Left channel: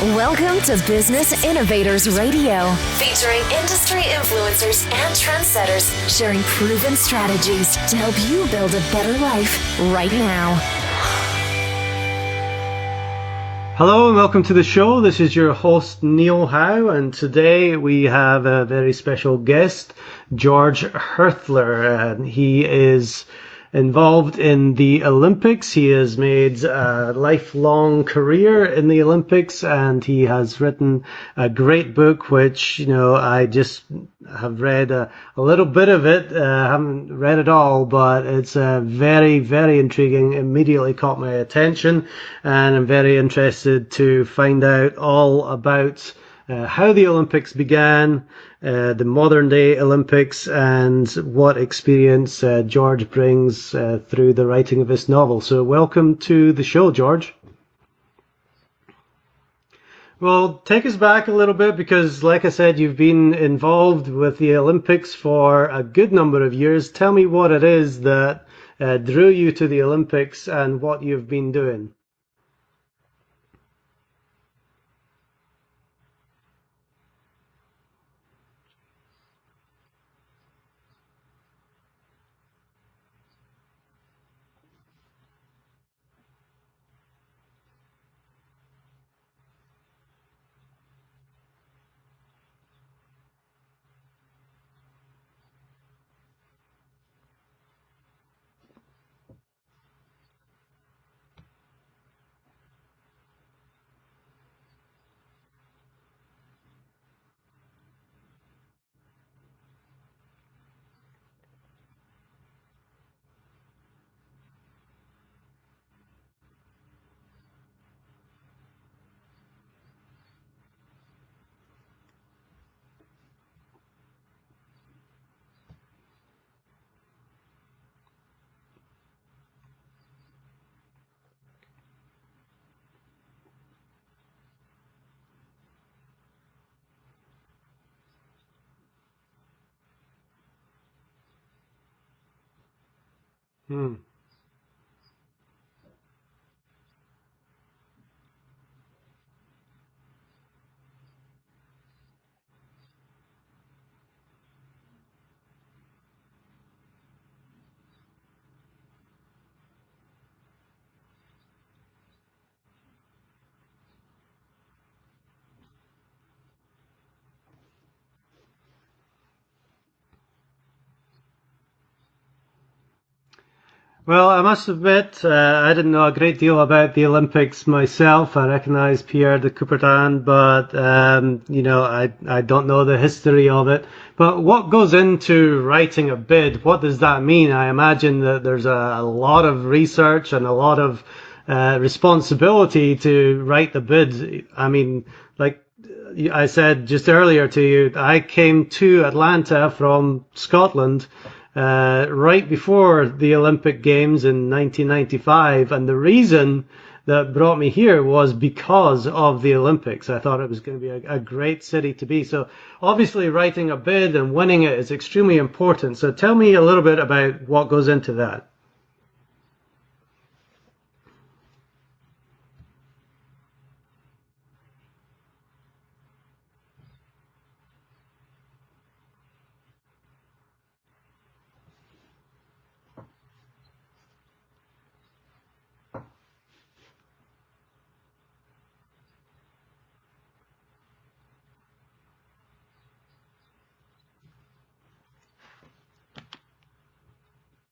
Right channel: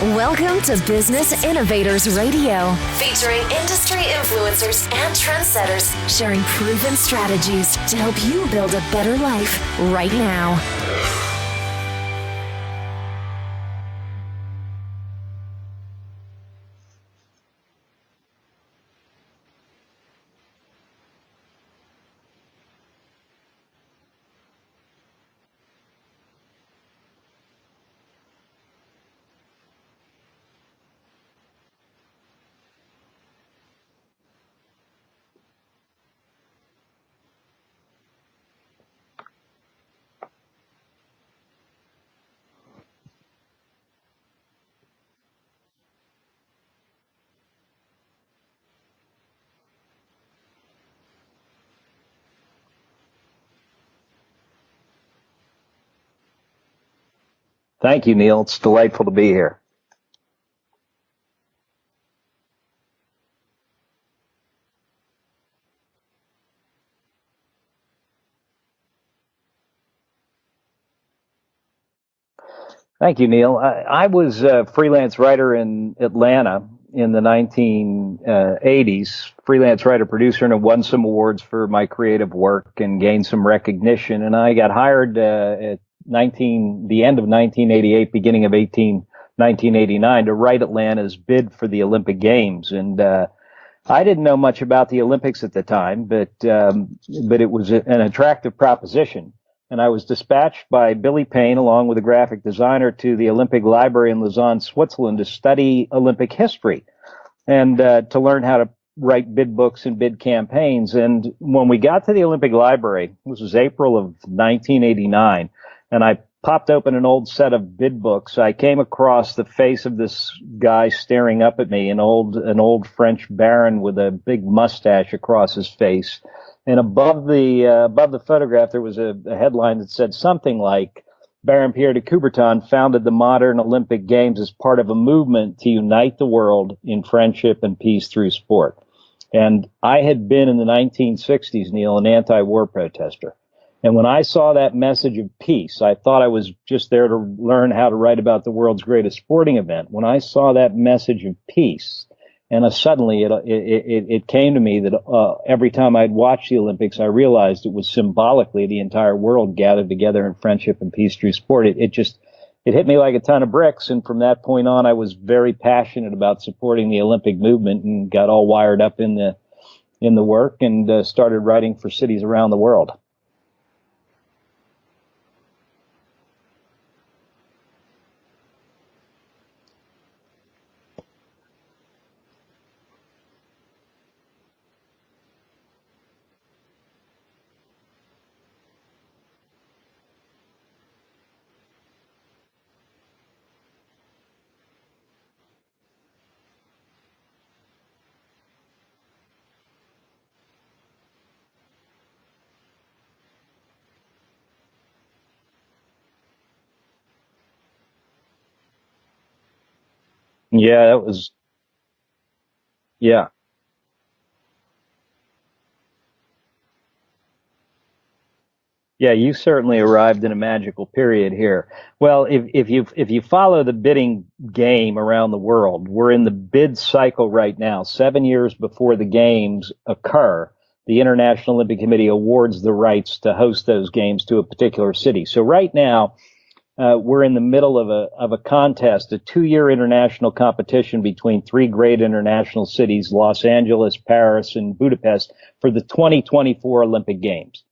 Welcome to Business Innovators Radio, featuring industry influencers and trendsetters sharing proven strategies to help you build a better life right now. Hello and welcome to the show. This is your host, Neil Howe, and today we have a very special guest, George Hirthler. He is involved in the Olympics. He has made a lifelong career in the Olympics, and he has written a great book, which, I just have read a little bit of it. I haven't read it all, but it's very, very intriguing. Immediately caught my attention, and I'm very interested to find out all about how the Olympics began, the modern day Olympics, and what experience George brings through the writing of this novel. So welcome to the show, George. Thank you, Neil. It's delightful to be here. Well, take us back a little bit, because like I said, you've been involved with the Olympics for a good number of years. Tell me what it is that drew you to the Olympics and what you've been doing. Thank you, Neil. I was a freelance writer in Atlanta in the 1980s, freelance writer, producer, and I won some awards for my creative work and gained some recognition. And I got hired at the end of 1988, beginning of 1989, to write Atlanta's bid for the Olympic Games. And I didn't know much about the Olympics at the time, but it was an attractive proposition. And I was dispatched by Billy Payne, along with a graphic designer, to the Olympic Library in Lausanne, Switzerland, to study Olympic history and to learn how to write bid books and bid campaigns. And when we got to the Olympic Library, this was April of 1989, and I popped open an old set of bid books, I came across the face of this guy staring up at me, an old French baron with a big mustache across his face. And above the photograph, there was a headline that said something like, Baron Pierre de Coubertin founded the modern Olympic Games as part of a movement to unite the world in friendship and peace through sport. And I had been in the 1960s, Neil, an anti-war protester. And when I saw that message of peace, I thought I was just there to learn how to write about the world's greatest sporting event. When I saw that message of peace, and suddenly it came to me that every time I'd watch the Olympics, I realized it was symbolically the entire world gathered together in friendship and peace through sport. It hit me like a ton of bricks. And from that point on, I was very passionate about supporting the Olympic movement and got all wired up in the work and started writing for cities around the world. Well, I must admit, I didn't know a great deal about the Olympics myself. I recognize Pierre de Coubertin, but, I don't know the history of it. But what goes into writing a bid? What does that mean? I imagine that there's a lot of research and a lot of responsibility to write the bid. I mean, like I said just earlier to you, I came to Atlanta from Scotland right before the Olympic Games in 1995, and the reason that brought me here was because of the Olympics. I thought it was a great city to be. So obviously writing a bid and winning it is extremely important. So tell me a little bit about what goes into that. Yeah, you certainly arrived in a magical period here. Well, if you follow the bidding game around the world, we're in the bid cycle right now. 7 years before the games occur, the International Olympic Committee awards the rights to host those games to a particular city. So right now, we're in the middle of a contest, a 2-year international competition between 3 great international cities, Los Angeles, Paris, and Budapest, for the 2024 Olympic Games.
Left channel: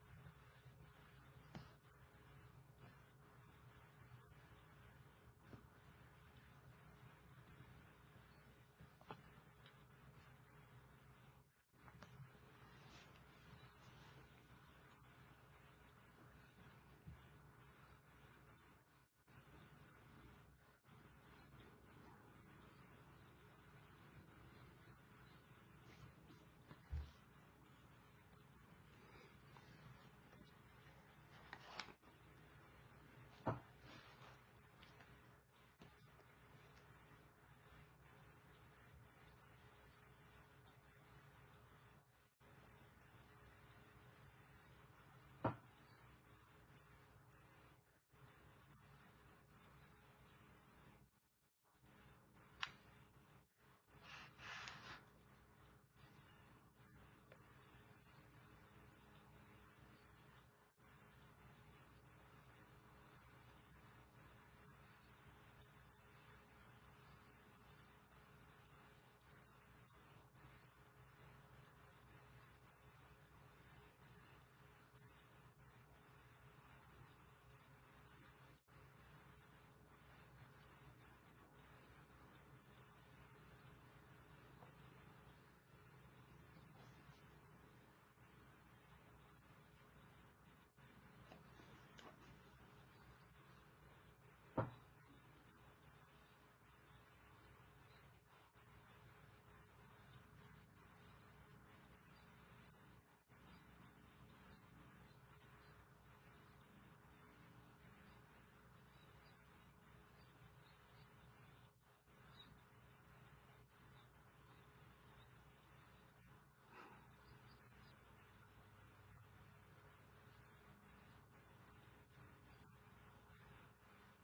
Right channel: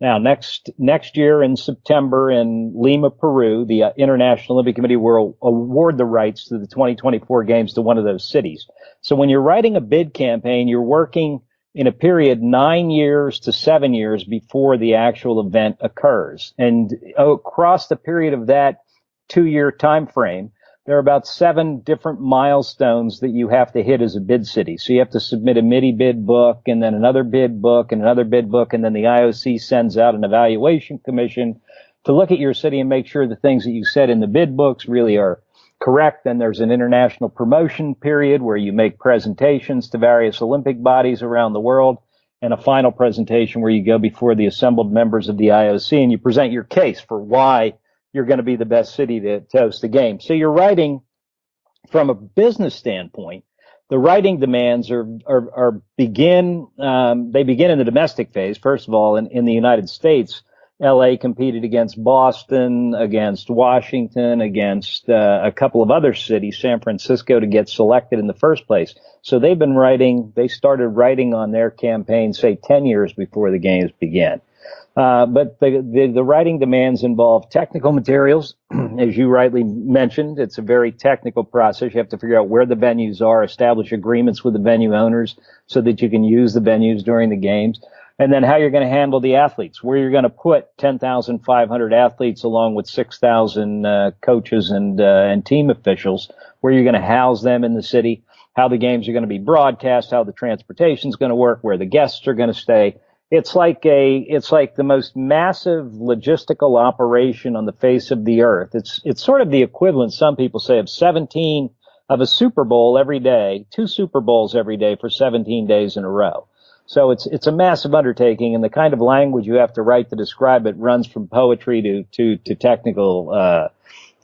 Now, next year in September in Lima, Peru, the International Olympic Committee will award the rights to the 2024 Games to one of those cities. So when you're writing a bid campaign, you're working in a period 9 years to 7 years before the actual event occurs. And across the period of that 2-year time frame, there are about 7 different milestones that you have to hit as a bid city. So you have to submit a MIDI bid book, and then another bid book, and another bid book, and then the IOC sends out an evaluation commission to look at your city and make sure the things that you said in the bid books really are correct. Then there's an international promotion period where you make presentations to various Olympic bodies around the world, and a final presentation where you go before the assembled members of the IOC and you present your case for why you're going to be the best city to host the game. So you're writing from a business standpoint, the writing demands begin in the domestic phase. First of all, in the United States, LA competed against Boston, against Washington, against a couple of other cities, San Francisco, to get selected in the first place. So they started writing on their campaign, say, 10 years before the games began. But the writing demands involve technical materials. As you rightly mentioned, it's a very technical process. You have to figure out where the venues are, establish agreements with the venue owners so that you can use the venues during the games, and then how you're going to handle the athletes, where you're going to put 10,500 athletes along with 6,000 coaches and team officials, where you're going to house them in the city, how the games are going to be broadcast, how the transportation is going to work, where the guests are going to stay. It's like the most massive logistical operation on the face of the earth. It's sort of the equivalent, some people say, of a Super Bowl every day, 2 Super Bowls every day for 17 days in a row. So it's a massive undertaking, and the kind of language you have to write to describe it runs from poetry to technical,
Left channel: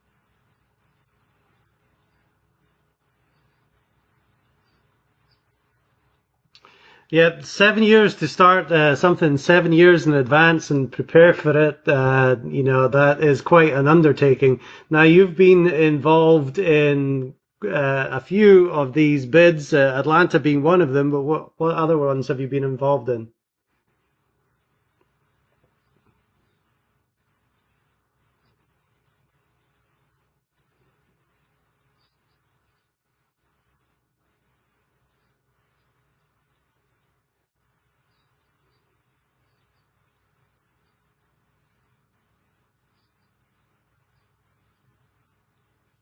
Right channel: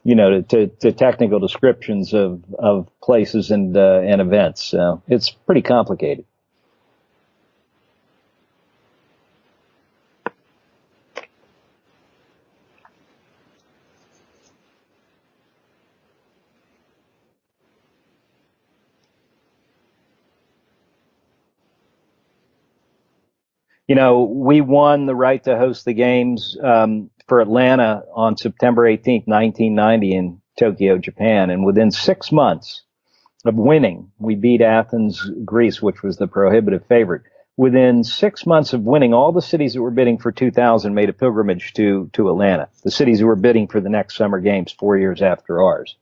to technical descriptions of places and events. So it's pretty complicated. Yeah, 7 years to start something 7 years in advance and prepare for it, that is quite an undertaking. Now, you've been involved in a few of these bids, Atlanta being one of them, but what other ones have you been involved in? We won the right to host the games for Atlanta on September 18th, 1990 in Tokyo, Japan, and within 6 months of winning, we beat Athens, Greece, which was the prohibitive favorite. Within 6 months of winning, all the cities that were bidding for 2000 made a pilgrimage to Atlanta, the cities who were bidding for the next summer games 4 years after ours.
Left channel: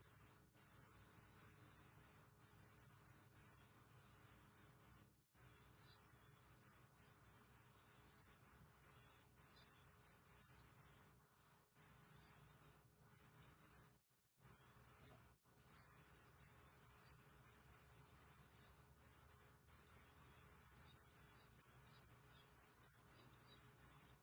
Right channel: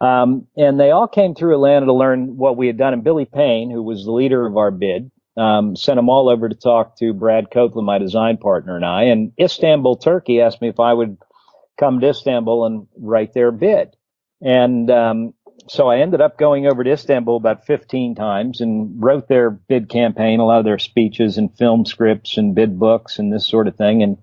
And they all came through Atlanta to learn what we had done. And Billy Payne, who was the leader of our bid, sent them all over to talk to Brad Copeland, my design partner, and I. And Istanbul, Turkey, asked me if I would come to Istanbul and write their bid. And so I ended up going over to Istanbul about 15 times and wrote their bid campaign, a lot of their speeches and film scripts and bid books and this sort of thing. And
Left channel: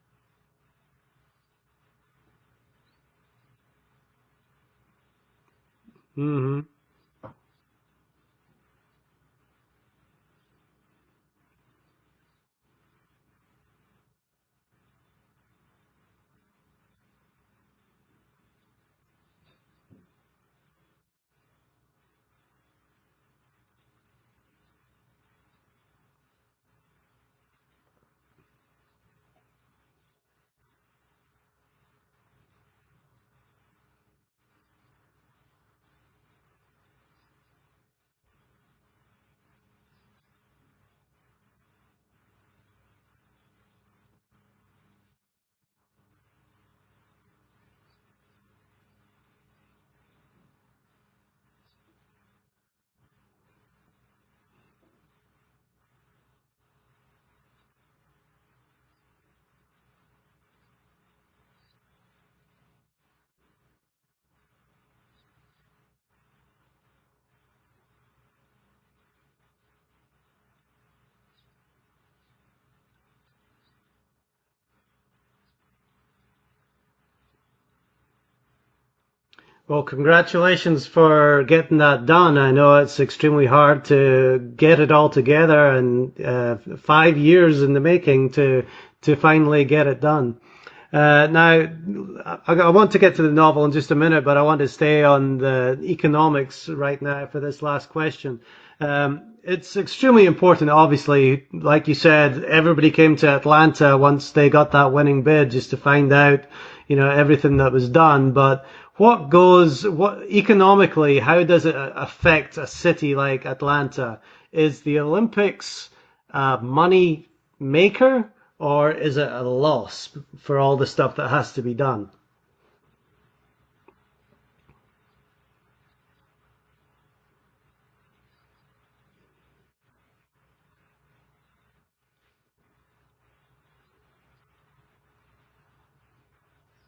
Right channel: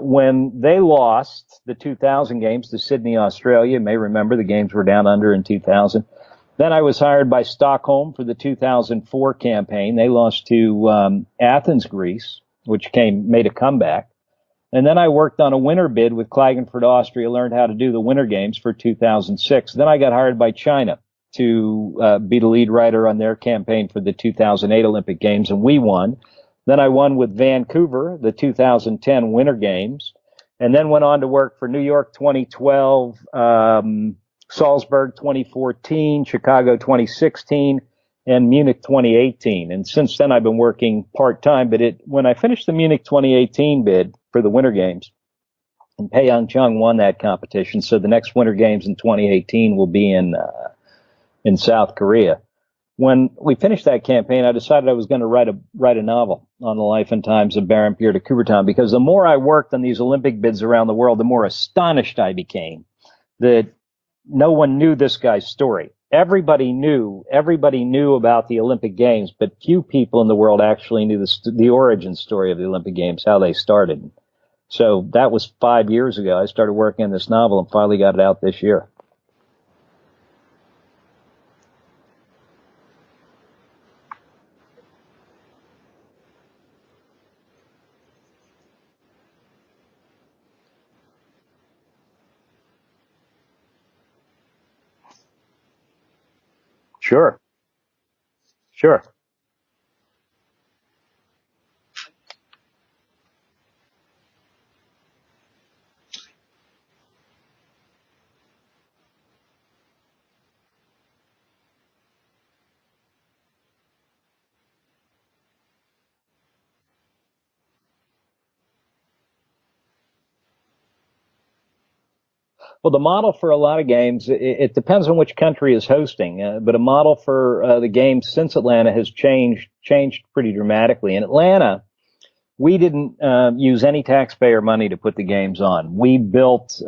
when they lost the 2000 games to Sydney, Australia, you may remember the games were down under in 2000. Mm-hmm. Then I was hired by Stockholm for the 2004 campaign. They lost to Athens, Greece, which made a comeback. And then I worked on a winter bid with Klagenfurt, Austria, learned how to do the winter games for 2006. Then I got hired by China to be the lead writer on their campaign for the 2008 Olympic Games, and we won. Then I won with Vancouver, the 2010 Winter Games, and then went on to work for New York 2012, Salzburg 2014, Chicago 2016, and Munich 2018. And since then, I've been working part-time. But when I finished the Munich 2018 bid for the Winter Games, and Pyeongchang won that competition, so the next Winter Games in 2018 will be in South Korea. When we finished that campaign, I decided I was going to write a novel on the life and times of Baron Pierre de Coubertin, because the more I worked on these Olympic bids around the world, the more astonished I became that no one knew this guy's story. Everybody knew about the Olympic Games, but few people in the world actually knew the origin story of the Olympic Games, how they started. So that was 5 years ago. I started working on this novel and finally got it out this year. Well, congratulations for getting that done. I know it's extremely hard to get it all together, and 5 years in the making to finally get it done. Now, I want to get to the novel in just a minute, but I want to stay on the economics right now for this last question. Sure. It's extremely important, obviously. Like you said, everybody came to Atlanta once they got that winning bid just to find out, everything that was done. But what economically, how does it affect a city like Atlanta? Is the Olympics a money maker, or is it a loss for all the stuff that has to be done? Well, the model for a lot of games, it depends on which country is hosting, but a model for the games since Atlanta has changed pretty dramatically. In Atlanta, we didn't use any taxpayer money to put the games on. We built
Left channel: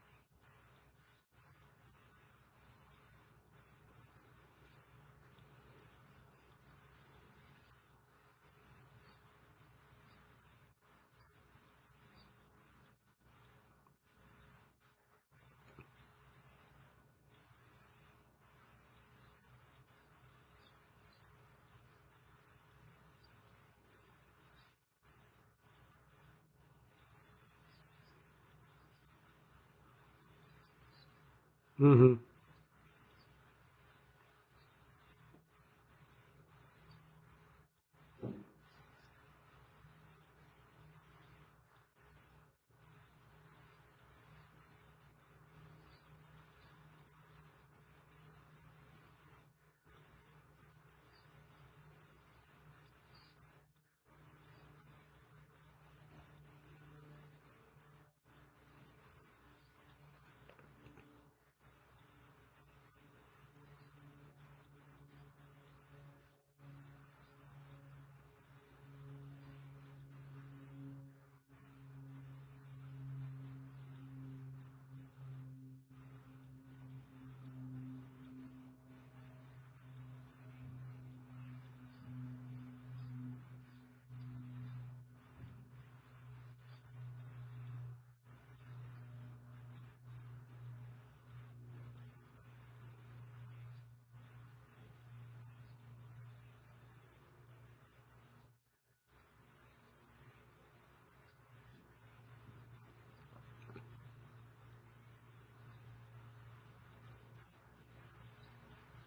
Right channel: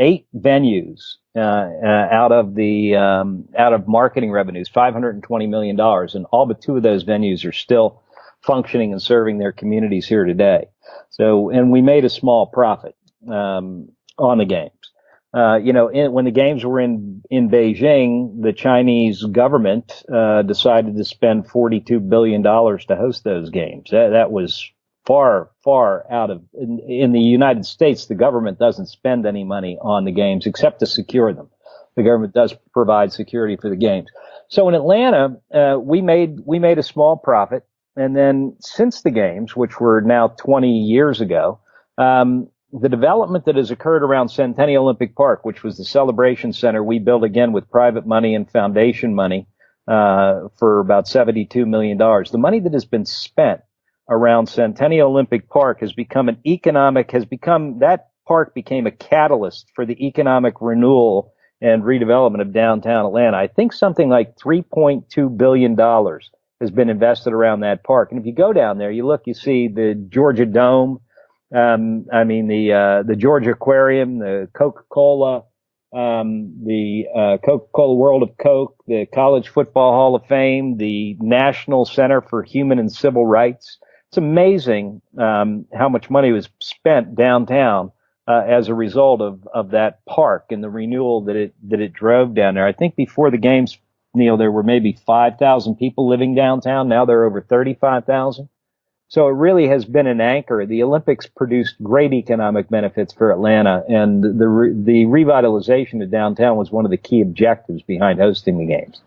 8 venues out of marketing revenues, $520 million, and all but 2 of those venues are still functioning and serving their communities here today. So, and we made a small profit on the games. When the games were in Beijing, the Chinese government decided to spend $42 billion to host those games. That was far, far out of. In the United States, the government doesn't spend any money on the games except to secure them. Mm-hmm. The government does provide security for the games. So in Atlanta, we made a small profit, and then since the games, which were now 20 years ago, the development that has occurred around Centennial Olympic Park, which was the celebration center we built again with private money and foundation money for about $72 million. The money that has been spent around Centennial Olympic Park that park became a catalyst for the economic renewal and redevelopment of downtown Atlanta. I think something like $3.2 billion has been invested around that park. And if you go down there, you see the Georgia Dome, the Georgia Aquarium, the Coca-Cola, the Coca-Cola World of Coke, the College Football Hall of Fame, the National Center for Human and Civil Rights. It's amazing how much money was spent downtown as a result of that park and the renewal that it drove down there. I think before the games, Neil, there were maybe 5,000 people living downtown. Now there are over 35,000. So it really has been an anchor. The Olympics produced great economic benefits for Atlanta, and the revitalization of downtown was one of the key objectives behind hosting the games.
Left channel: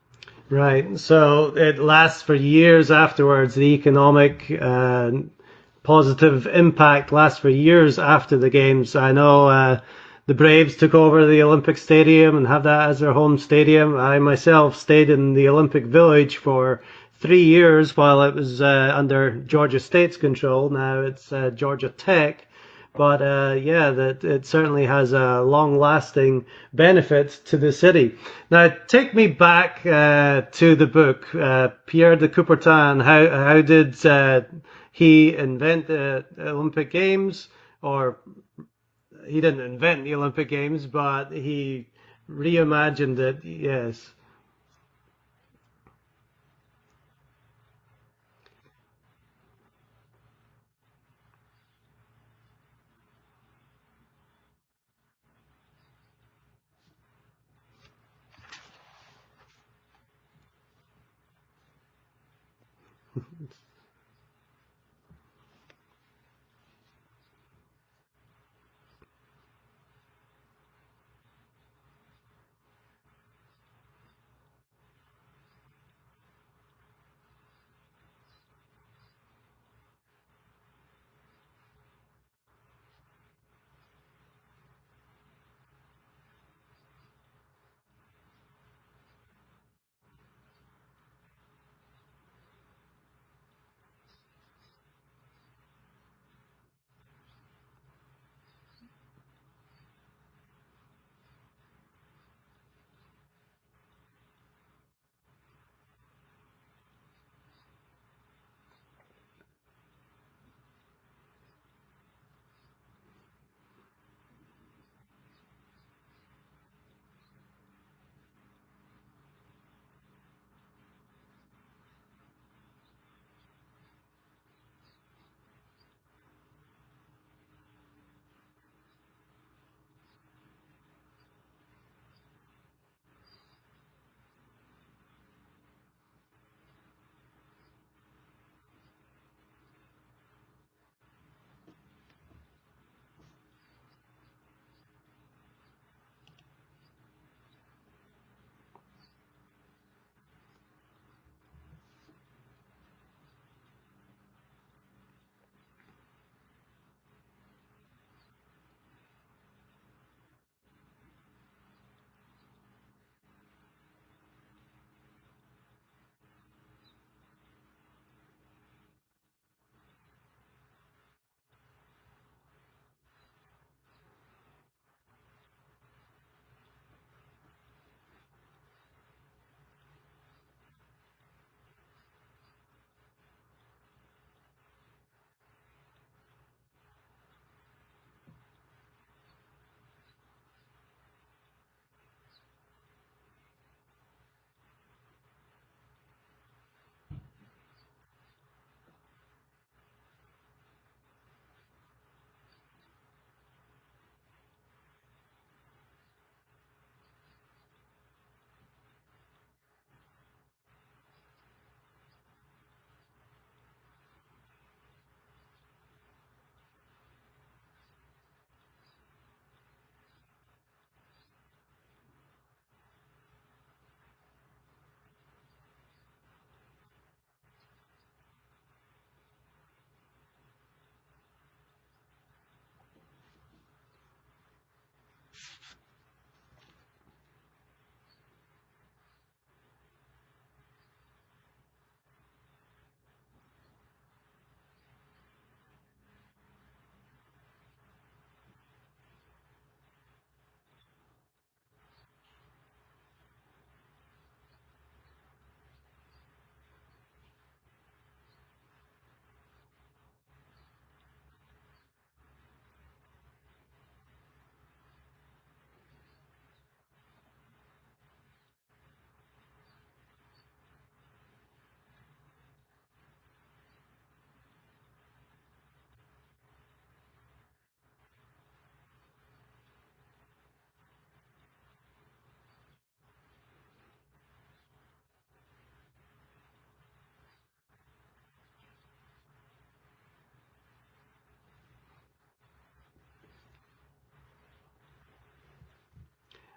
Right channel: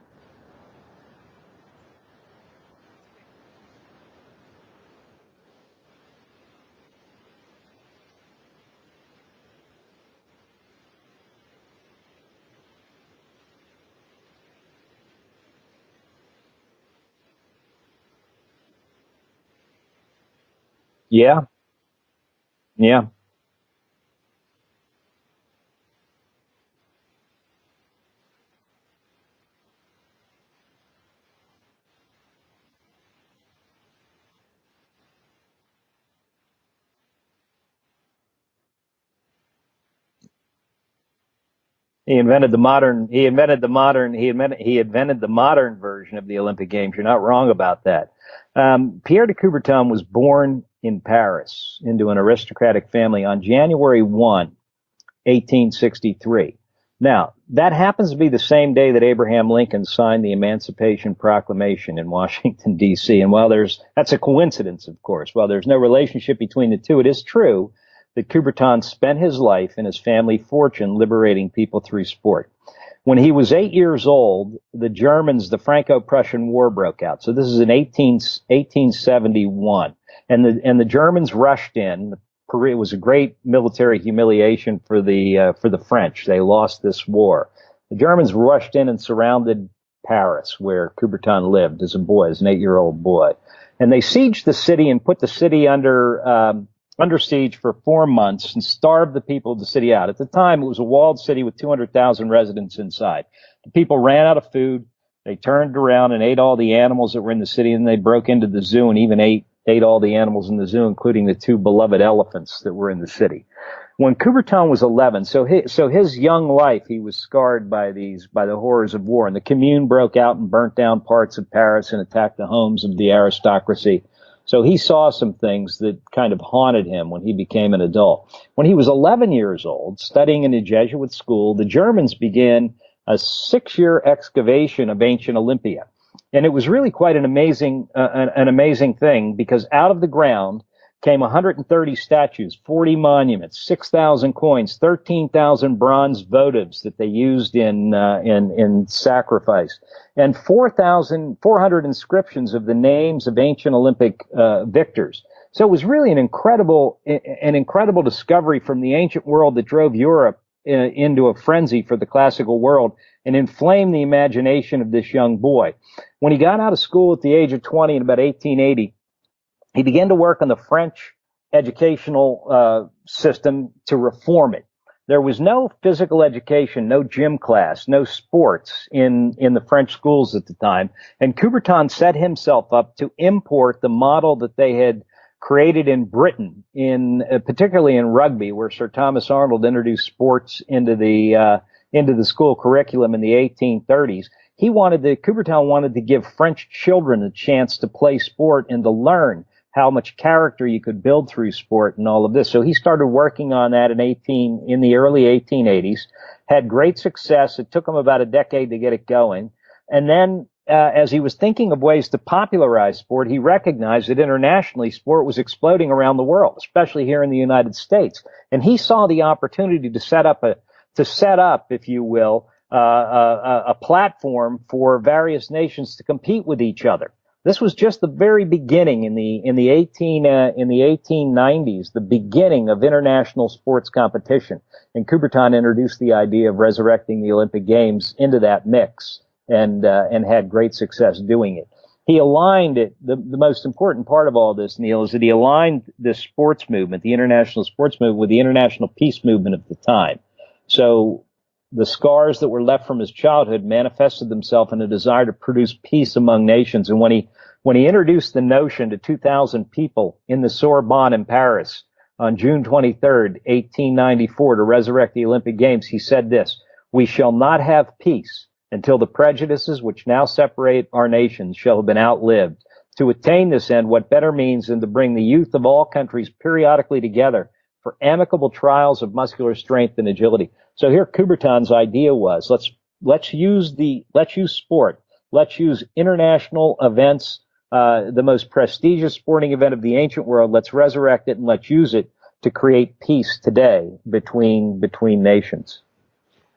Right. So it lasts for years afterwards. The economic positive impact lasts for years after the games. I know the Braves took over the Olympic Stadium and have that as their home stadium. I myself stayed in the Olympic Village for 3 years while it was under Georgia State's control. Now it's Georgia Tech. Yeah. But that it certainly has a long-lasting benefit to the city. Now, take me back to the book, Pierre de Coubertin. How did he invent the Olympic Games? Or he didn't invent the Olympic Games, but he invented the modern version of the Olympic Games. You're not wrong about that. Pierre de Coubertin was born in Paris into an aristocratic family on January 1, 1863. Now, that happens to be the same day that Abraham Lincoln signed the Emancipation Proclamation in Washington, D.C. And that's a coincidence, of course. While there's no relationship between the two, it is true that Coubertin spent his life and his family fortune liberating people through sport. When he was 8 years old, the Franco-Prussian War broke out. So this is in 1871. And the Germans rushed in. It was a great military humiliation for the French. They lost this war. The Germans rushed in and surrounded Paris, where Coubertin lived as an 8-year-old boy. And they sieged the city and put the city under siege for 4 months and starved the people of the city out. At the time, it was a walled city with 200,000 residents inside. The people ran out of food. They turned around and ate all the animals that were in the city, and they broke into the zoo and even ate all the animals in the zoo, including the 2 beloved elephants that were in the city. When Coubertin was 11, so his young life, he was scarred by the horrors of war, and the Commune broke out and burnt down parts of Paris and attacked the homes of the aristocracy. So he saw some things that kind of haunted him when he became an adult. When he was 11 years old, studying in a Jesuit school, the Germans began a 6-year excavation of ancient Olympia. And it was really quite an amazing thing, because out of the ground came 130 statues, 40 monuments, 6,000 coins, 13,000 bronze votives that they used in sacrifice, and 400 inscriptions of the names of ancient Olympic victors. So it was really an incredible discovery from the ancient world that drove Europe into a frenzy for the classical world and inflamed the imagination of this young boy. When he got out of school at the age of 20 in about 1880, he began to work on the French educational system to reform it. There was no physical education, no gym class, no sports in the French schools at the time. And Coubertin set himself up to import the model that they had created in Britain, particularly in rugby, where Sir Thomas Arnold introduced sports into the school curriculum in the 1830s. Coubertin wanted to give French children a chance to play sport and to learn how much character you could build through sport and all of this. So he started working on that in the early 1880s, had great success. It took him about a decade to get it going. And then as he was thinking of ways to popularize sport, he recognized that internationally sport was exploding around the world, especially here in the United States. And he saw the opportunity to set up, if you will, a platform for various nations to compete with each other. This was just the very beginning in the 1890s, the beginning of international sports competition. And Coubertin introduced the idea of resurrecting the Olympic Games into that mix, and had great success doing it. He aligned it. The most important part of all this, Neil, is that he aligned this sports movement, the international sports movement, with the international peace movement of the time. So the scars that were left from his childhood manifested themselves in a desire to produce peace among nations. And when he introduced the notion to 2,000 people in the Sorbonne in Paris on June 23rd, 1894, to resurrect the Olympic Games, he said this: "We shall not have peace until the prejudices which now separate our nations shall have been outlived. To attain this end, what better means than to bring the youth of all countries periodically together for amicable trials of muscular strength and agility." So here Coubertin's idea was, let's use sport, let's use international events, the most prestigious sporting event of the ancient world, let's resurrect it and let's use it to create peace today between nations.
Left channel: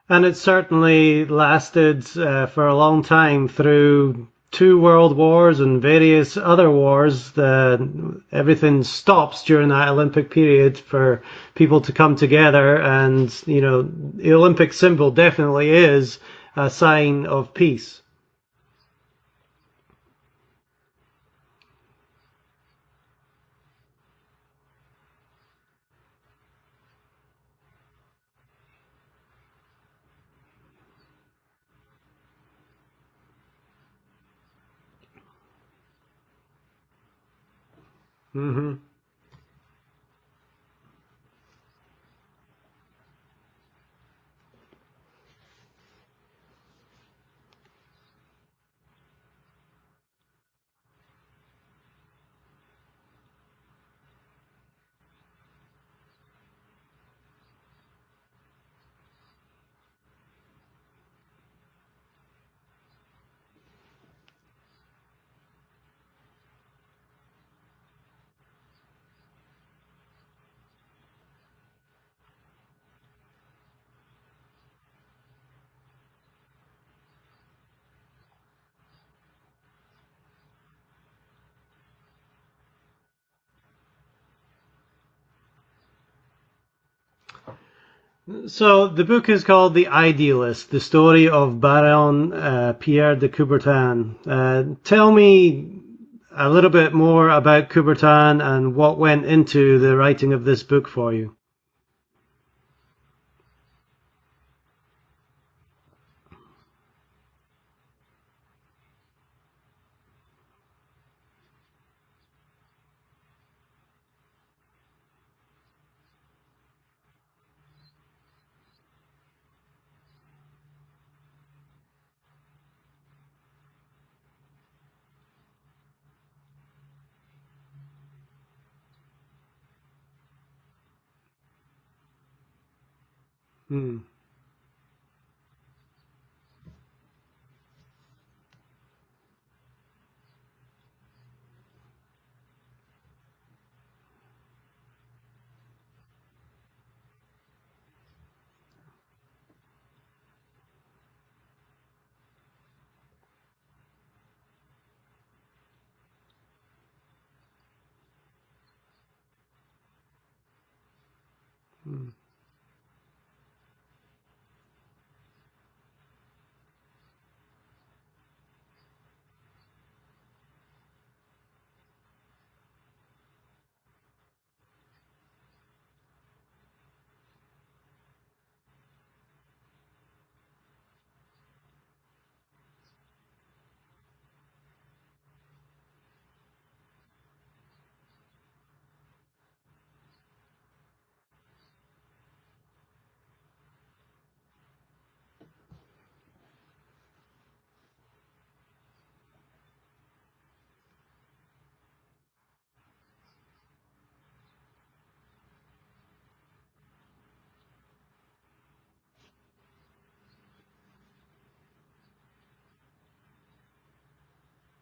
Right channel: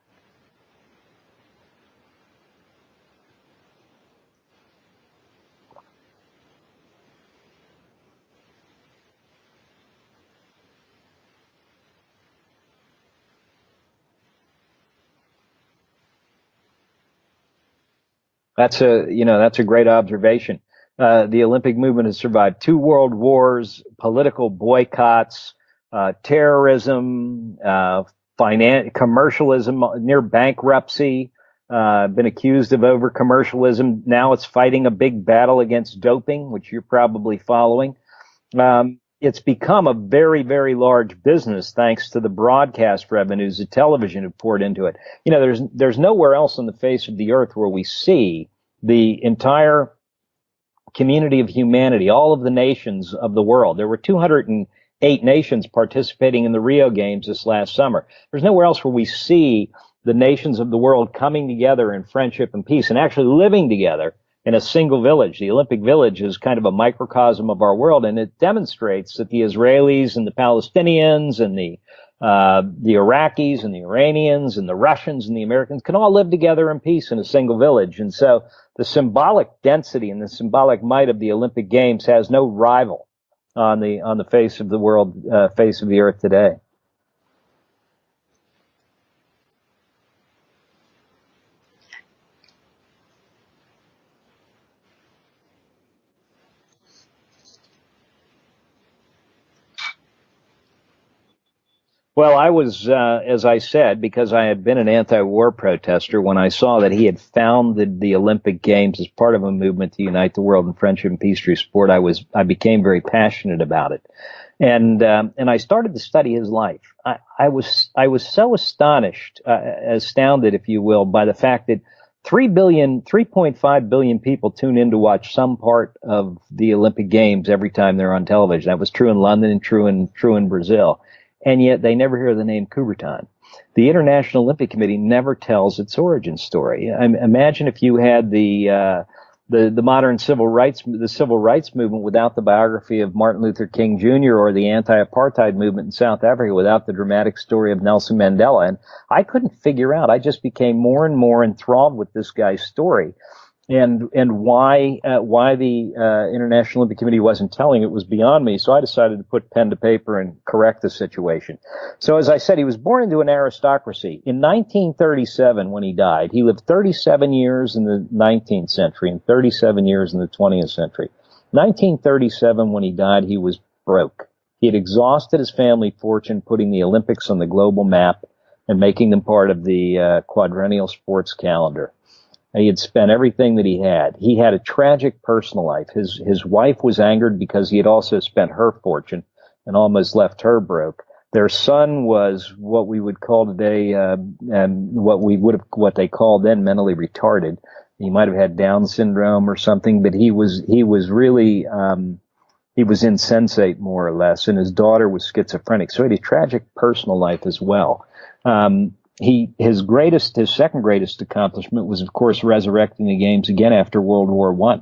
And it certainly lasted for a long time through 2 world wars and various other wars. Everything stops during that Olympic period for people to come together, and the Olympic symbol definitely is a sign of peace. That's a great observation. The Olympic movement has survived 2 world wars, political boycotts, terrorism, commercialism, near bankruptcy. Been accused of over commercialism. Now it's fighting a big battle against doping, which you're probably following. Mm-hmm. It's become a very, very large business thanks to the broadcast revenues that television have poured into it. There's nowhere else on the face of the earth where we see the entire community of humanity, all of the nations of the world. There were 208 nations participating in the Rio Games this last summer. There's nowhere else where we see the nations of the world coming together in friendship and peace and actually living together in a single village. The Olympic Village is kind of a microcosm of our world, and it demonstrates that the Israelis and the Palestinians and the Iraqis and the Iranians and the Russians and the Americans can all live together in peace in a single village. And so the symbolic density and the symbolic might of the Olympic Games has no rival on the face of the world, face of the earth today. So the book is called The Idealist, the story of Baron Pierre de Coubertin. Tell me a little bit more about Coubertin and what went into the writing of this book for you. Well, I was, as I said, because I had been an anti-war protester, when I saw that he had founded the Olympic Games as part of a movement to unite the world in friendship and peace through sport, I became very passionate about it. And I started to study his life. I was so astounded, if you will, by the fact that 3.5 billion people tune in to watch some part of the Olympic Games every time they're on television. That was true in London and true in Brazil. And yet they never hear the name Coubertin. The International Olympic Committee never tells its origin story. Imagine if you had the modern civil rights movement without the biography of Martin Luther King Jr. or the anti-apartheid movement in South Africa without the dramatic story of Nelson Mandela. And I couldn't figure out. I just became more and more enthralled with this guy's story, and why the International Olympic Committee wasn't telling it was beyond me. So I decided to put pen to paper and correct the situation. So as I said, he was born into an aristocracy. In 1937, when he died, he lived 37 years in the 19th century and 37 years in the 20th century. 1937, when he died, he was broke. He had exhausted his family fortune putting the Olympics on the global map and making them part of the quadrennial sports calendar. He had spent everything that he had. He had a tragic personal life. His wife was angered because he had also spent her fortune and almost left her broke. Their son was what we would call today, what they called then mentally retarded. He might have had Down syndrome or something, but he was really he was insensate, more or less, and his daughter was schizophrenic. So he had a tragic personal life as well. His second greatest accomplishment was, of course, resurrecting the games again after World War I.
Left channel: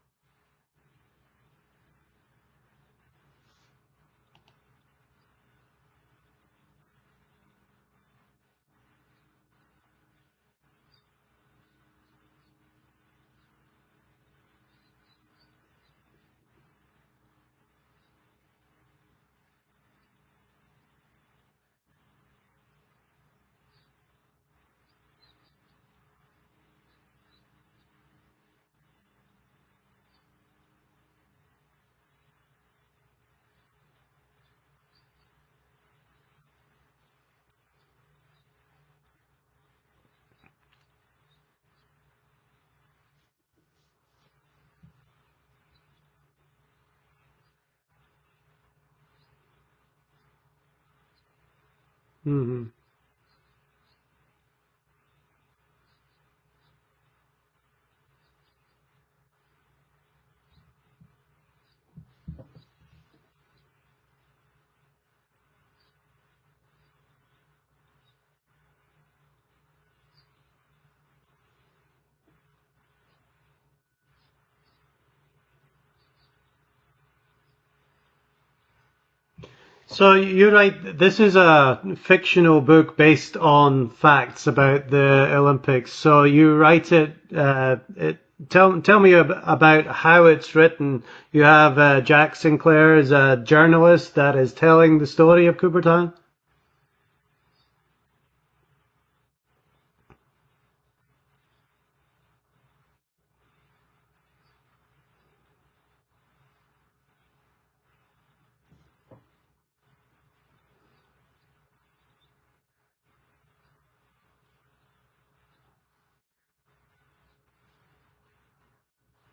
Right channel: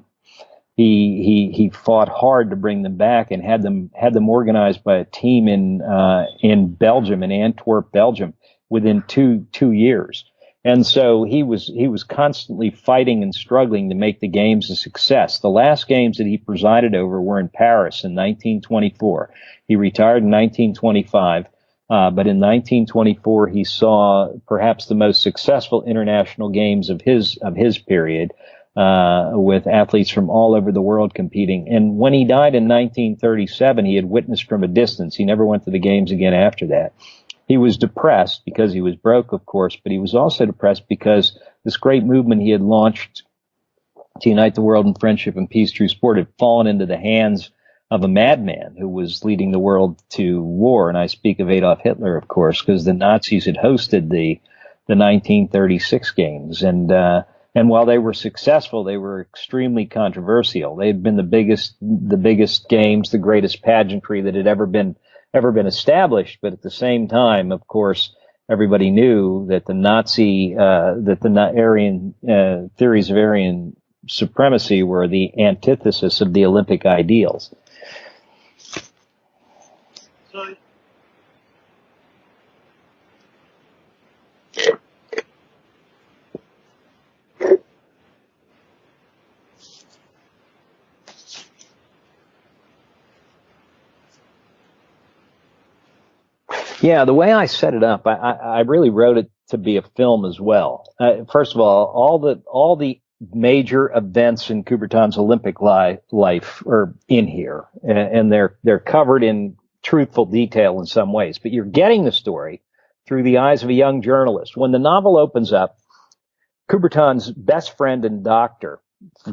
He fought hard to bring them back and had them organized by a team in Belgium, in Antwerp, Belgium, within two years. And so he was constantly fighting and struggling to make the games a success. The last games that he presided over were in Paris in 1924. He retired in 1925. But in 1924, he saw perhaps the most successful international games of his period, with athletes from all over the world competing. And when he died in 1937, he had witnessed from a distance. He never went to the games again after that. He was depressed because he was broke, of course, but he was also depressed because this great movement he had launched to unite the world in friendship and peace through sport had fallen into the hands of a madman who was leading the world to war. And I speak of Adolf Hitler, of course, because the Nazis had hosted the 1936 games. And while they were successful, they were extremely controversial. They had been the biggest games, the greatest pageantry that had ever been established. But at the same time, of course, everybody knew that the Aryan theories of Aryan supremacy were the antithesis of the Olympic ideals. So you're right. This is a fictional book based on facts about the Olympics. So you write it. Tell me about how it's written. You have Jack Sinclair as a journalist that is telling the story of Coubertin. Yeah, the way I set it up, I really wrote it to be a film as well. First of all the major events in Coubertin's Olympic life are in here, and they're covered in truthful detail in some ways, but you're getting the story through the eyes of a young journalist. When the novel opens up, Coubertin's best friend and doctor,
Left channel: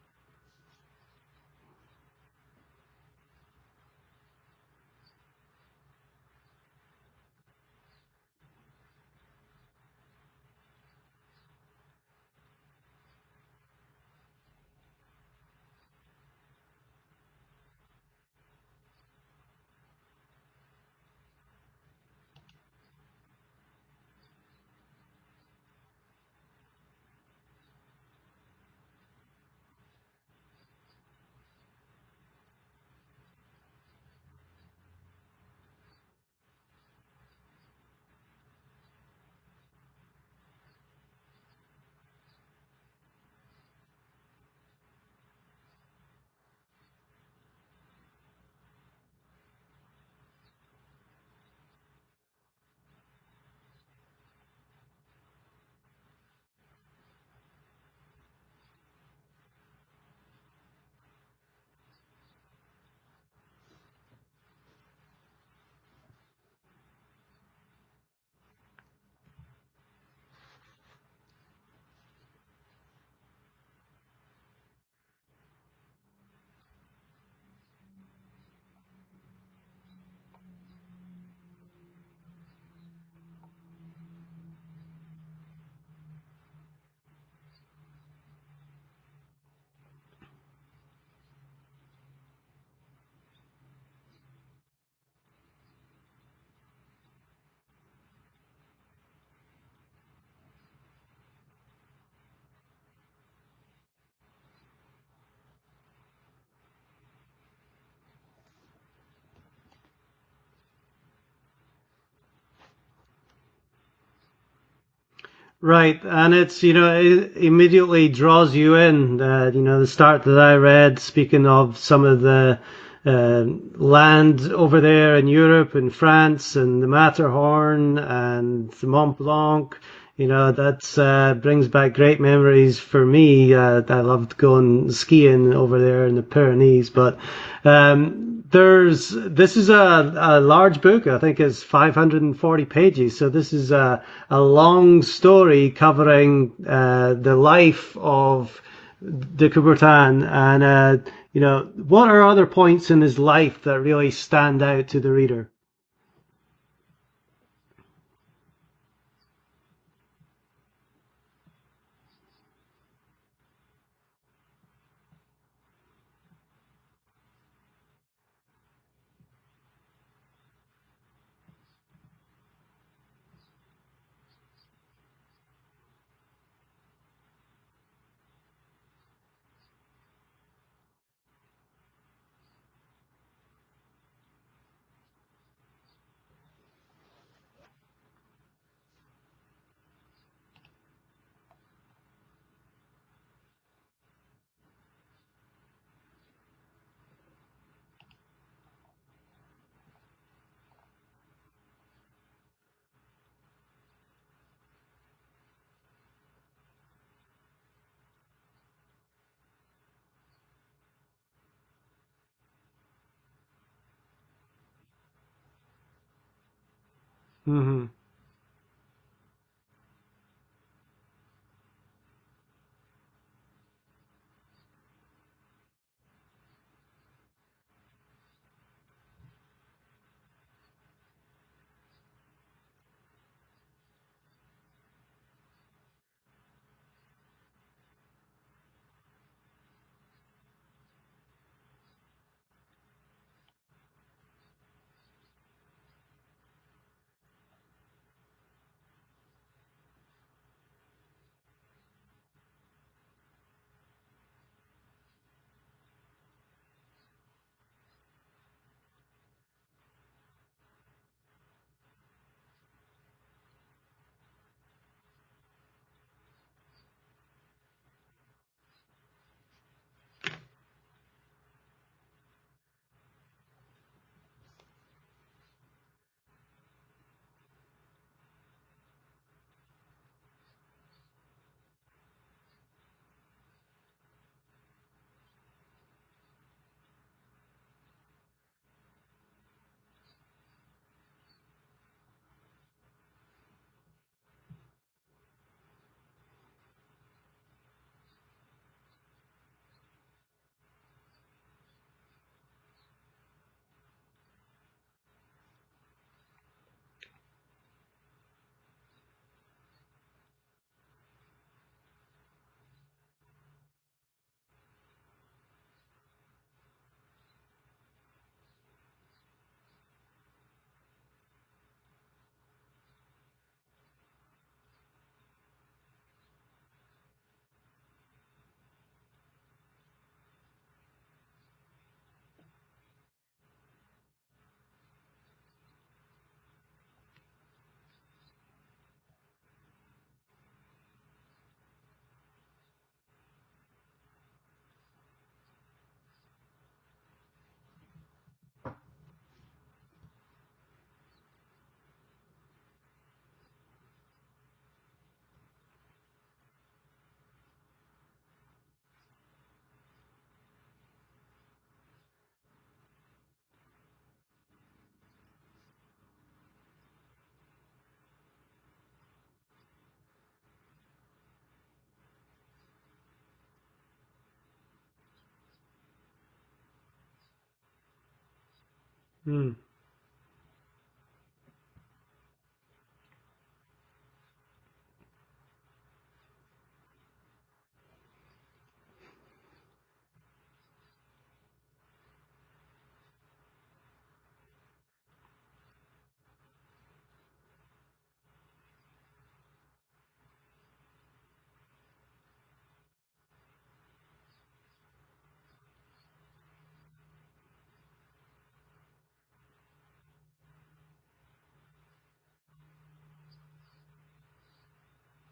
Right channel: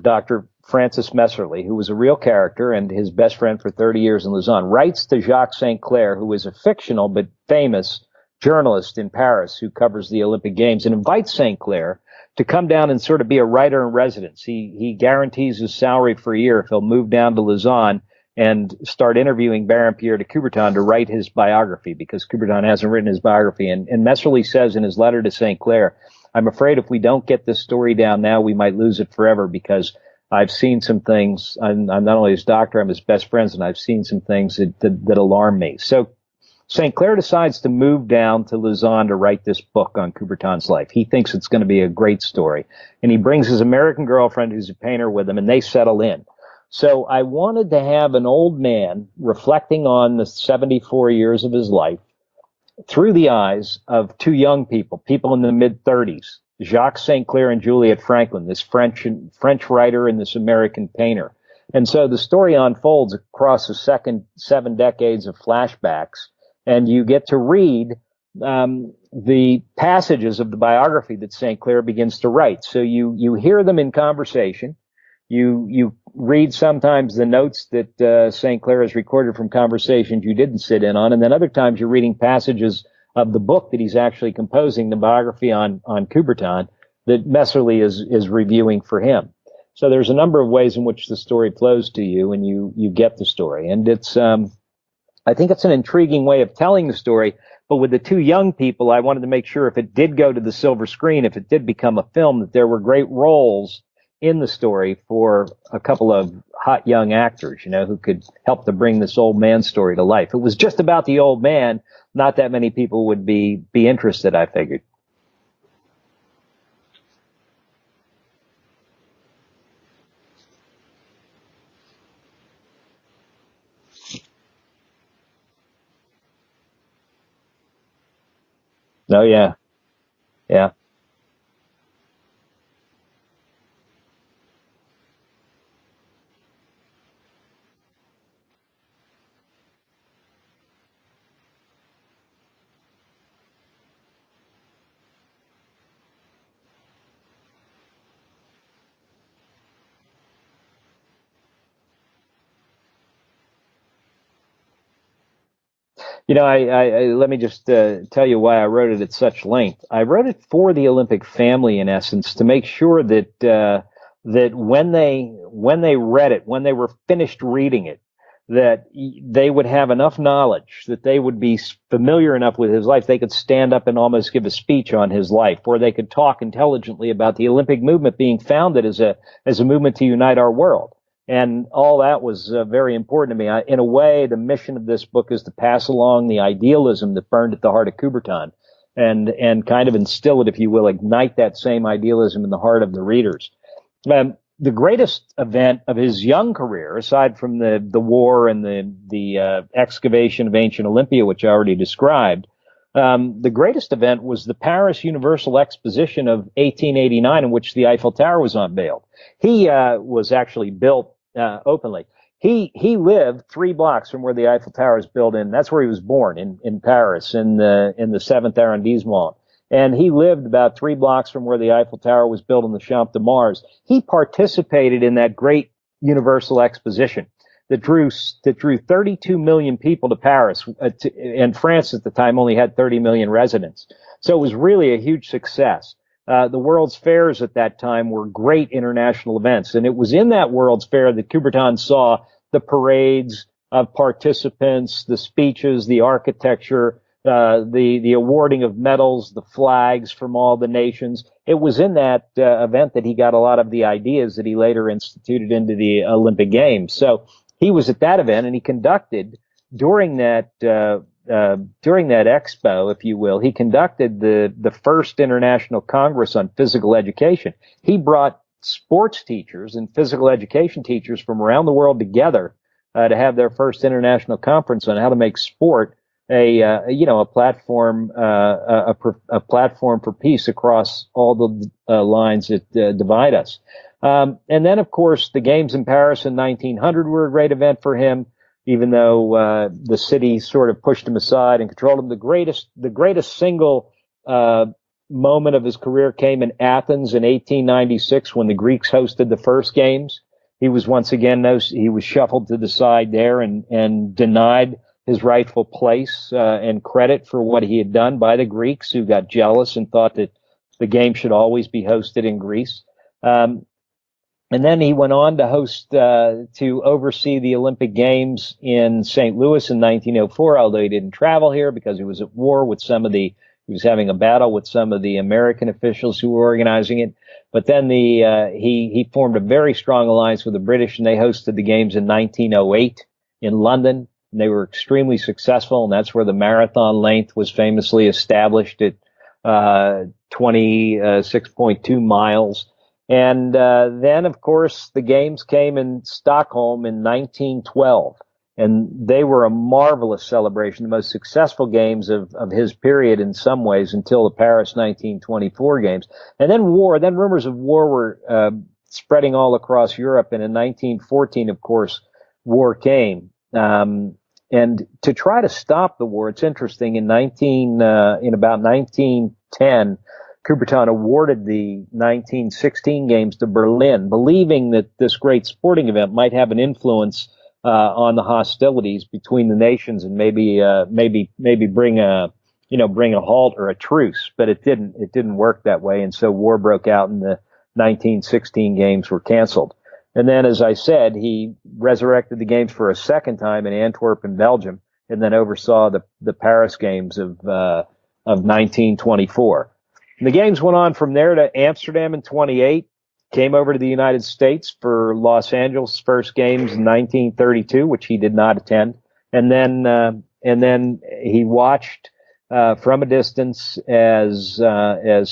Dr. Francis Messerly, who was a real character and his best friend for 30 years in Lausanne, writes to Jacques St. Clair, who is a fictional but famous journalist in Paris who covers the Olympic Games, and invites St. Clair to come down and sort of be a writer in residence. He guarantees his salary for a year if he'll move down to Lausanne and start interviewing Baron Pierre de Coubertin to write his biography, because Coubertin hasn't written his biography. And Messerly says in his letter to St. Clair, I'm afraid if we don't get this story down now, we might lose it forever, because I've seen some things. I'm not only his doctor, I'm his best friends, and I've seen some things that alarm me. So St. Clair decides to move down to Lausanne to write this book on Coubertin's life. He thinks it's going to be a great story. And he brings his American girlfriend, who's a painter, with him, and they settle in. So I wanted to have an old man reflecting on the 74 years of his life through the eyes of two young people in the mid-30s, Jacques St. Clair and Juliette Franklin, this French writer and this American painter. And so the story unfolds across the 7 decades of flashbacks, and you get to read the passages of the biography that St. Clair begins to write. So you hear them in conversation. You read sometimes the notes that St. Clair has recorded from conversations you didn't sit in on, and then other times you're reading passages of the book that he's actually composing, the biography on Coubertin, that Messerly is reviewing for him. So there's a number of ways in which the story flows to you, and you get the story. And it's I think it's an intriguing way of telling the story. But with the two young people, I wanted to make sure if it did go to the silver screen, if it did become a film, that there were great roles in the story for a couple of hot young actors, who could help to bring this old man story to life. If it was just about the old man, not that many people would be interested, I figured. Right, and it's, it immediately draws you in. The start that I read, speaking of some of the land over there in Europe and France and the Matterhorn and the Mont Blanc. That brings back great memories for me. I loved going skiing over there in the Pyrenees. But this is a large book. I think it's 540 pages. So this is a long story covering the life of de Coubertin. And what are other points in his life that really stand out to the reader? Let me just tell you why I wrote it at such length. I wrote it for the Olympic family, in essence, to make sure that when they read it, when they were finished reading it, that they would have enough knowledge, that they would be familiar enough with his life, they could stand up and almost give a speech on his life, or they could talk intelligently about the Olympic movement being founded as a movement to unite our world. And all that was very important to me. In a way, the mission of this book is to pass along the idealism that burned at the heart of Coubertin and kind of instill it, if you will, ignite that same idealism in the heart of the readers. The greatest event of his young career, aside from the war and the excavation of ancient Olympia, which I already described, the greatest event was the Paris Universal Exposition of 1889, in which the Eiffel Tower was unveiled. He was actually built openly. He lived 3 blocks from where the Eiffel Tower is built in. That's where he was born, in Paris, in the 7th arrondissement. And he lived about 3 blocks from where the Eiffel Tower was built in the Champ de Mars. He participated in that great Universal Exposition that drew 32 million people to Paris. And France at the time only had 30 million residents. So it was really a huge success. The World's Fairs at that time were great international events. And it was in that World's Fair that Coubertin saw the parades of participants, the speeches, the architecture, the awarding of medals, the flags from all the nations. It was in that event that he got a lot of the ideas that he later instituted into the Olympic Games. So he was at that event, and he conducted during that expo, if you will, he conducted the first International Congress on Physical Education. He brought sports teachers and physical education teachers from around the world together to have their first international conference on how to make sport a platform for peace across all the lines that divide us. And then, of course, the Games in Paris in 1900 were a great event for him, even though the city sort of pushed him aside and controlled him. The greatest single moment of his career came in Athens in 1896 when the Greeks hosted the first Games. He was once again he was shuffled to the side there and denied his rightful place and credit for what he had done by the Greeks, who got jealous and thought that the game should always be hosted in Greece. And then he went on to oversee the Olympic Games in St. Louis in 1904, although he didn't travel here because he was at war with he was having a battle with some of the American officials who were organizing it. But then he formed a very strong alliance with the British, and they hosted the Games in 1908 in London. And they were extremely successful, and that's where the marathon length was famously established at 26.2 miles. And then, of course, the Games came in Stockholm in 1912, and they were a marvelous celebration, the most successful Games of his period in some ways until the Paris 1924 Games. And then rumors of war were spreading all across Europe, and in 1914, of course, war came. And to try to stop the war, it's interesting. In about 1910, Coubertin awarded the 1916 Games to Berlin, believing that this great sporting event might have an influence on the hostilities between the nations and maybe bring a halt or a truce. But it didn't work that way, and so war broke out, and the 1916 Games were canceled. And then, as I said, he resurrected the Games for a second time in Antwerp in Belgium, and then oversaw the Paris Games of 1924. And the Games went on from there to Amsterdam in 28, came over to the United States for Los Angeles' first Games in 1932, which he did not attend. And then he watched from a distance as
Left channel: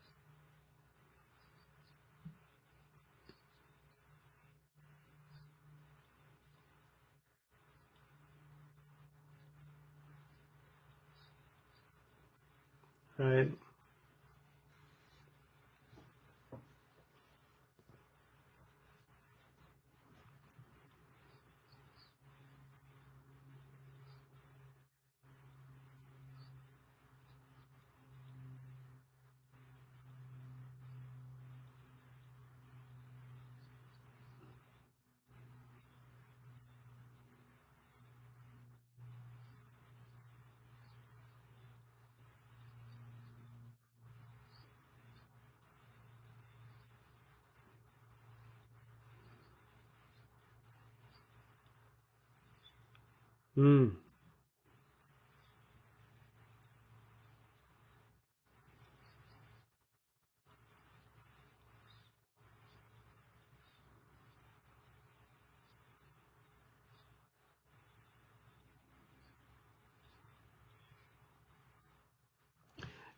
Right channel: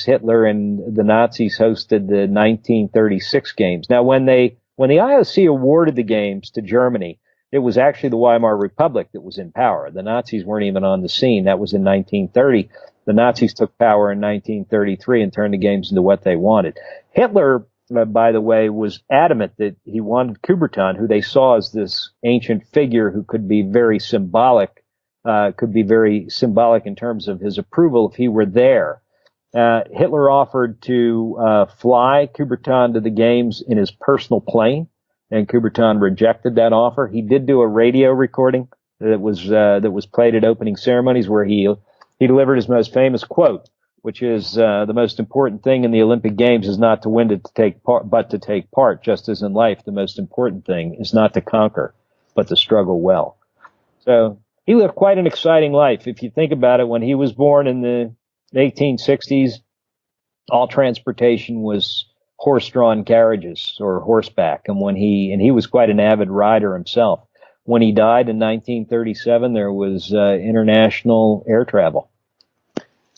Hitler and the Nazis hosted the 1936 Games. Now, when the IOC awarded the Games to Germany, it was actually the Weimar Republic that was in power. The Nazis weren't even on the scene. That was in 1930. The Nazis took power in 1933 and turned the Games into what they wanted. Hitler, by the way, was adamant that he wanted Coubertin, who they saw as this ancient figure who could be very symbolic in terms of his approval if he were there. Hitler offered to fly Coubertin to the Games in his personal plane, and Coubertin rejected that offer. He did do a radio recording that was played at opening ceremonies where he delivered his most famous quote, which is the most important thing in the Olympic Games is not to win to take part, but to take part. Just as in life, the most important thing is not to conquer. but to struggle well. Mm. So he lived quite an exciting life. If you think about it, when he was born in the 1860s, all transportation was horse-drawn carriages or horseback. And he was quite an avid rider himself. When he died in 1937, there was international air travel.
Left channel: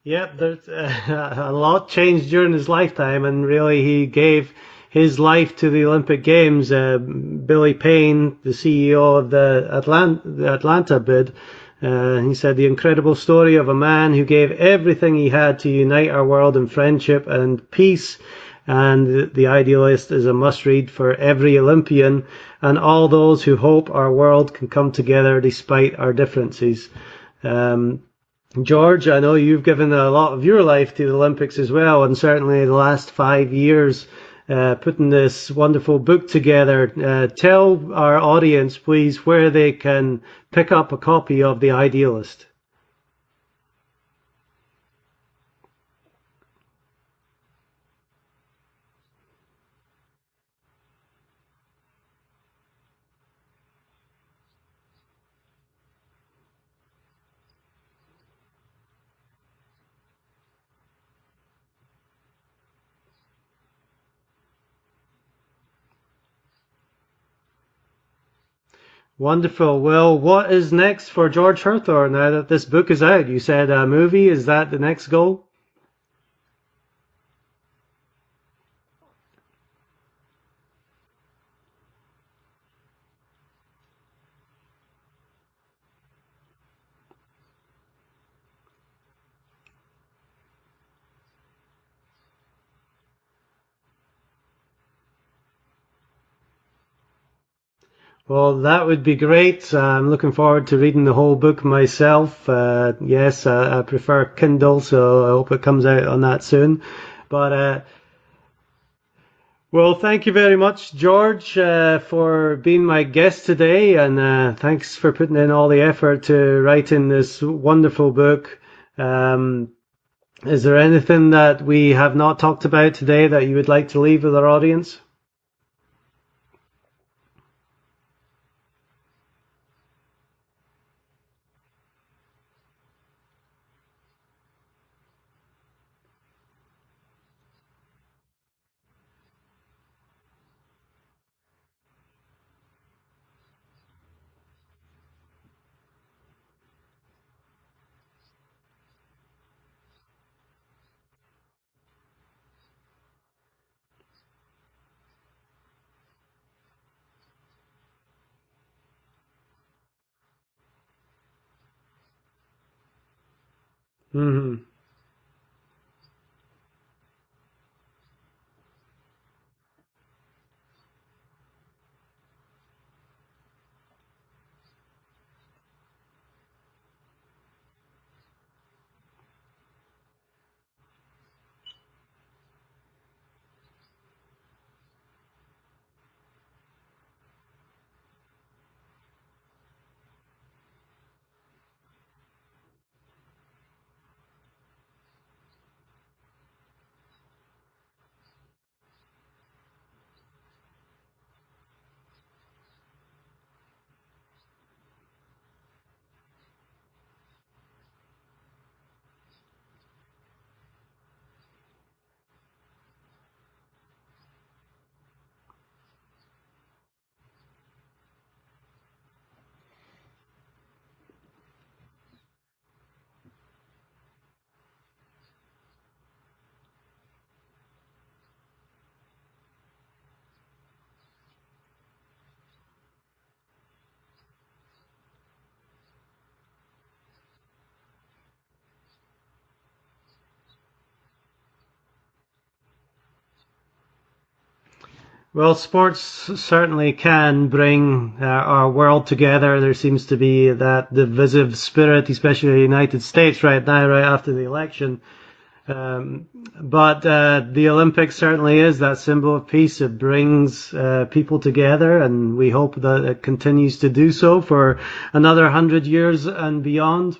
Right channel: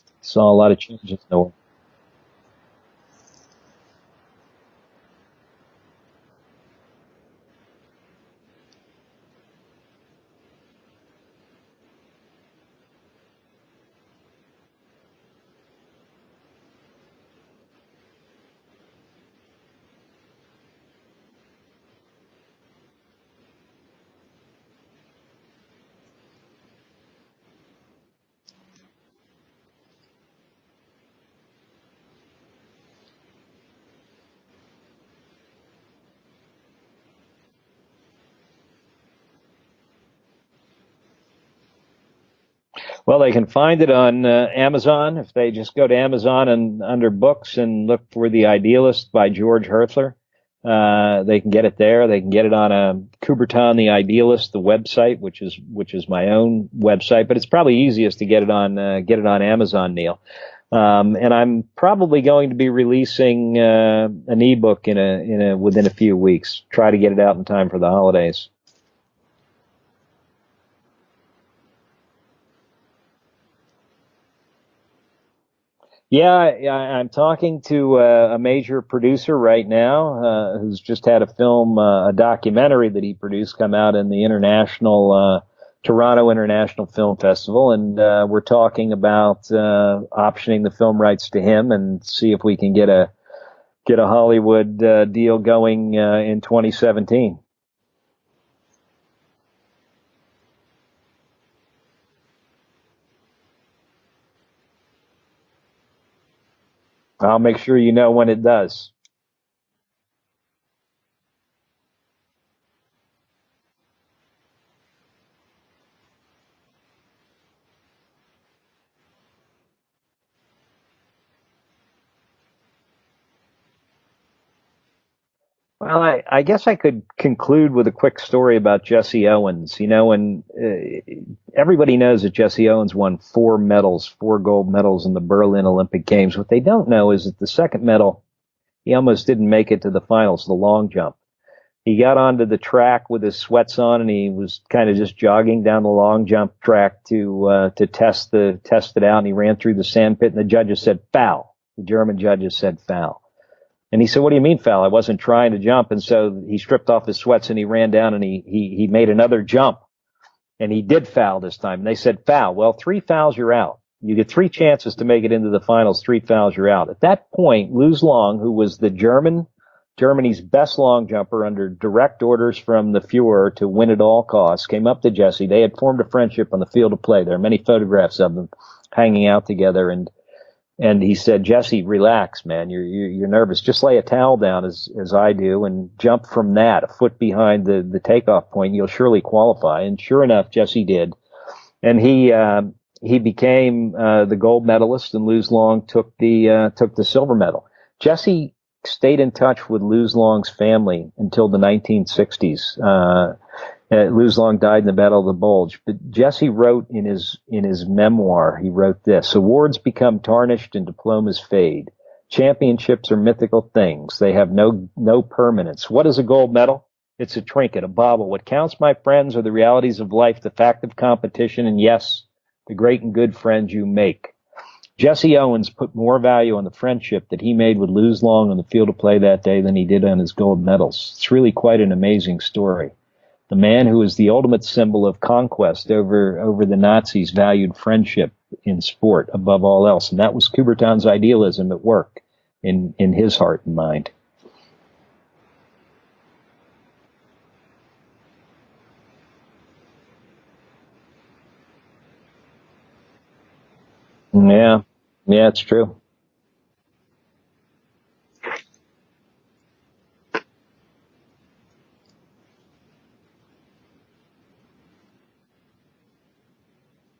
Yeah, Saw a lot of a lot changed during his lifetime, and really he gave his life to the Olympic Games. Billy Payne, the CEO of the Atlanta bid, he said, the incredible story of a man who gave everything he had to unite our world in friendship and peace. And the Idealist is a must-read for every Olympian and all those who hope our world can come together despite our differences. George, I know you've given a lot of your life to the Olympics as well, and certainly the last 5 years putting this wonderful book together. Tell our audience, please, where they can pick up a copy of The Idealist. Well, they can find it on Amazon. If they just go to Amazon and under books and look for The Idealist by George Hirthler, they can get it there. They can get it on Coubertin, The Idealist, the website, which is my own website. But it's probably easiest to get it on Amazon, Neil. And I'm probably going to be releasing an ebook within a few weeks. Try to get it out in time for the holidays. Wonderful. Well, what is next for George Hirthler now that this book is out? You said a movie. Is that the next goal? Yeah, I'm talking to a major producer right now who's just had a documentary that he produced come out in the Toronto International Film Festival. And we're talking about optioning the film rights to him and see if we can get a Hollywood deal going in 2017. Well, that would be great. I'm looking forward to reading the whole book myself. Yes, I prefer Kindle, so I hope it comes out on that soon. I'll make sure you know when it does. Well, thank you very much, George, for being my guest today, and thanks for putting in all the effort to writing this wonderful book. Is there anything that we have not talked about today that you would like to leave with our audience? Well, I guess I could conclude with a quick story about Jesse Owens. You know, and everybody knows that Jesse Owens won 4 gold medals in the Berlin Olympic Games. What they don't know is that the second medal, he almost didn't make it to the finals, the long jump. He got onto the track with his sweats on, and he was kind of just jogging down the long jump track to test it out. And he ran through the sand pit, and the judges said foul. The German judges said foul. And he said, "What do you mean foul? I wasn't trying to jump." And so he stripped off his sweats and he ran down and he made another jump, and he did foul this time. And they said foul. Well, 3 fouls, you're out. You get 3 chances to make it into the finals. 3 fouls, you're out. At that point, Luz Long, who was the Germany's best long jumper under direct orders from the Fuhrer to win at all costs, came up to Jesse. They had formed a friendship on the field of play. There are many photographs of them hanging out together. And he said, "Jesse, relax, man. You're nervous. Just lay a towel down as I do and jump from that, a foot behind the takeoff point. You'll surely qualify." And sure enough, Jesse did. And he became the gold medalist, and Luz Long took the silver medal. Jesse stayed in touch with Luz Long's family until the 1960s. Luz Long died in the Battle of the Bulge. But Jesse wrote in his memoir, he wrote this: "Awards become tarnished and diplomas fade. Championships are mythical things. They have no permanence. What is a gold medal? It's a trinket, a bauble. What counts, my friends, are the realities of life, the fact of competition, and yes, the great and good friends you make." Jesse Owens put more value on the friendship that he made with Luz Long on the field of play that day than he did on his gold medals. It's really quite an amazing story. The man who is the ultimate symbol of conquest over the Nazis valued friendship in sport above all else. And that was Coubertin's idealism at work in his heart and mind. Well, sports certainly can bring our world together. There seems to be that divisive spirit, especially in the United States right now, right after the election. Yeah, it's true. But the Olympics certainly is that symbol of peace. It brings people together, and we hope that it continues to do so for another 100 years and beyond.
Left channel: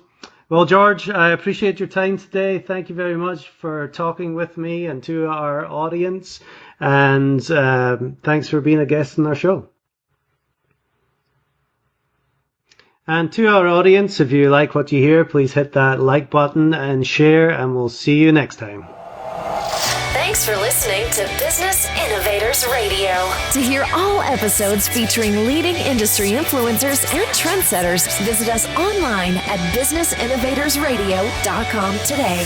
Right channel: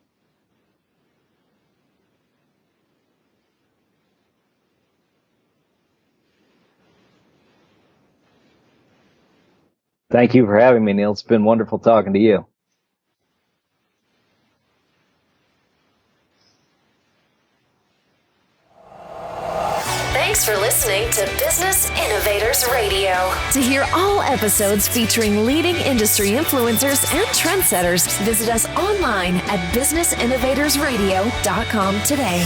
Well, George, I appreciate your time today. Thank you very much for talking with me and to our audience. And thanks for being a guest on our show. Thank you for having me, Neil. It's been wonderful talking to you. And to our audience, if you like what you hear, please hit that like button and share, and we'll see you next time. Thanks for listening to Business Innovators Radio. To hear all episodes featuring leading industry influencers and trendsetters, visit us online at businessinnovatorsradio.com today.